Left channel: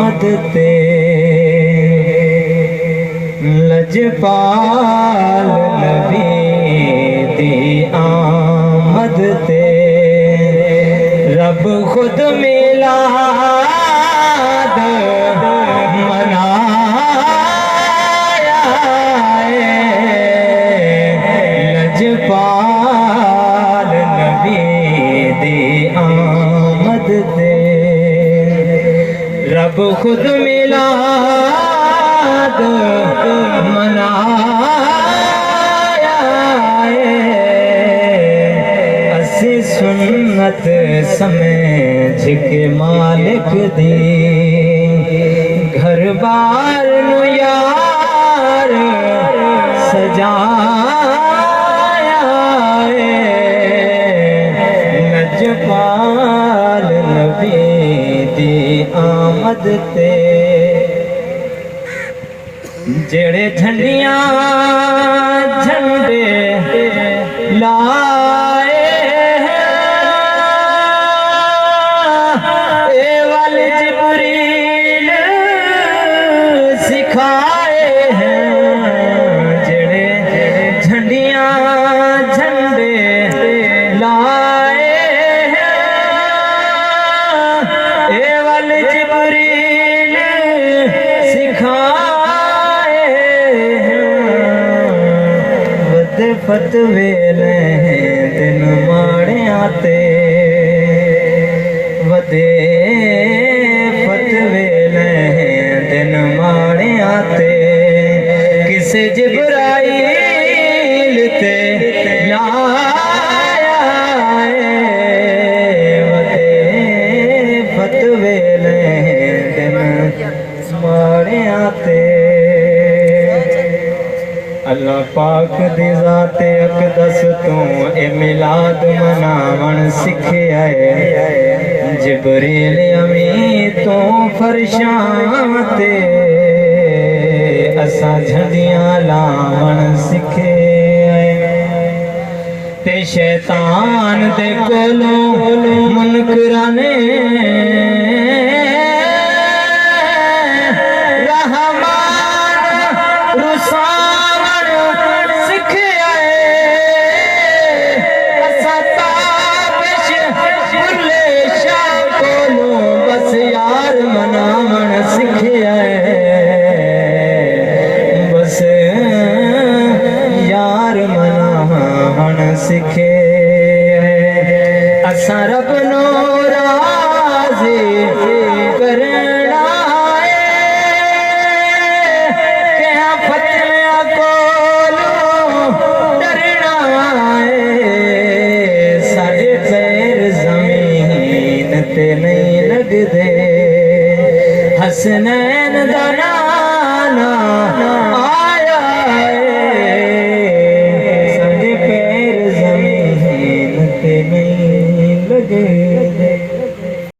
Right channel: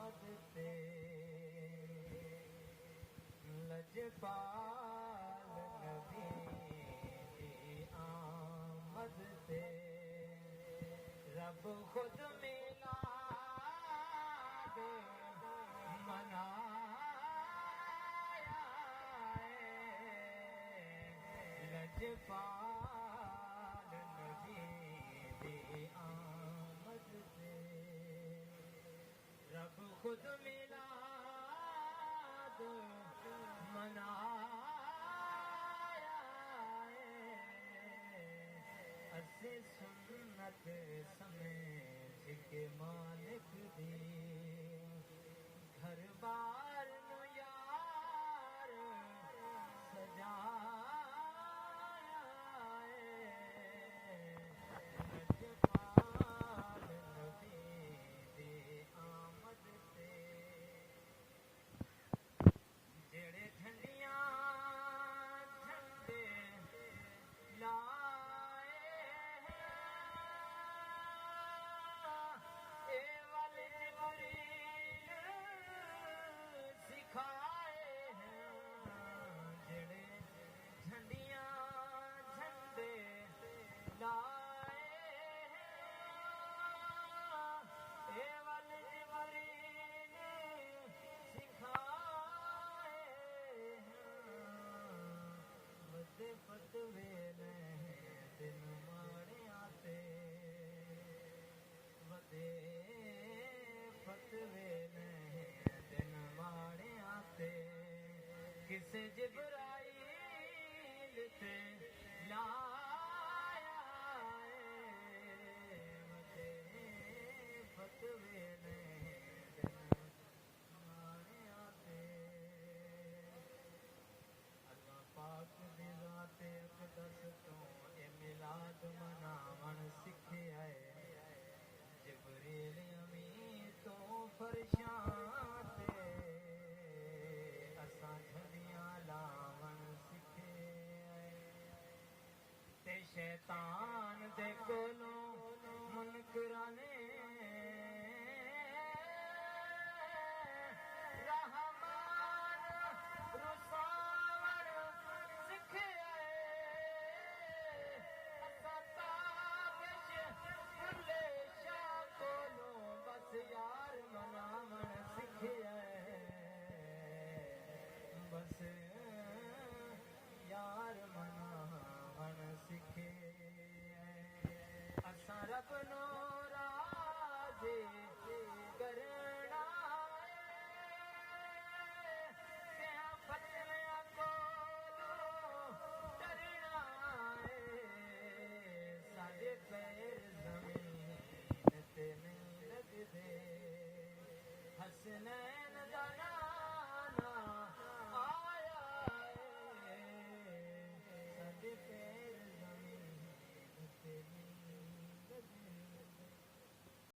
आमद ते लजपाल नबी दी आमद ते रब खुद मिलाद मनाया लजपाल नबी दी आमद ते रब खुद मिलाद मनाया असी सुन्नत समझ के मालिक दी घर बार नू यार सजाया लजपाल नबी दी आमद ते जेड़े झंडियां झंडे लाए ए वल जिब्रील सिखाए हैं जेड़े झंडियां झंडे लाए ए वल जिब्रील सिखाए फतवे दिन माड़िया ते वदे फतवे दिन माड़िया ते किसे जिब्राइल ते लाया वदे फतवे दिन माड़िया ते अल्लाह पाक दी ज़ाते अक़दस तू ए मिलाद मनावण सिखिया जिब्रील अमी तो फरशां ते असा झंडियां लावण सिखे ते शैतान दे कोलों मुनकरां ने सिखे असा रब नो राज़ी करना है क्या फतवा कोलों डरना है साडे पैर ज़मीन ते नहीं लगदे हसनैन दा नाना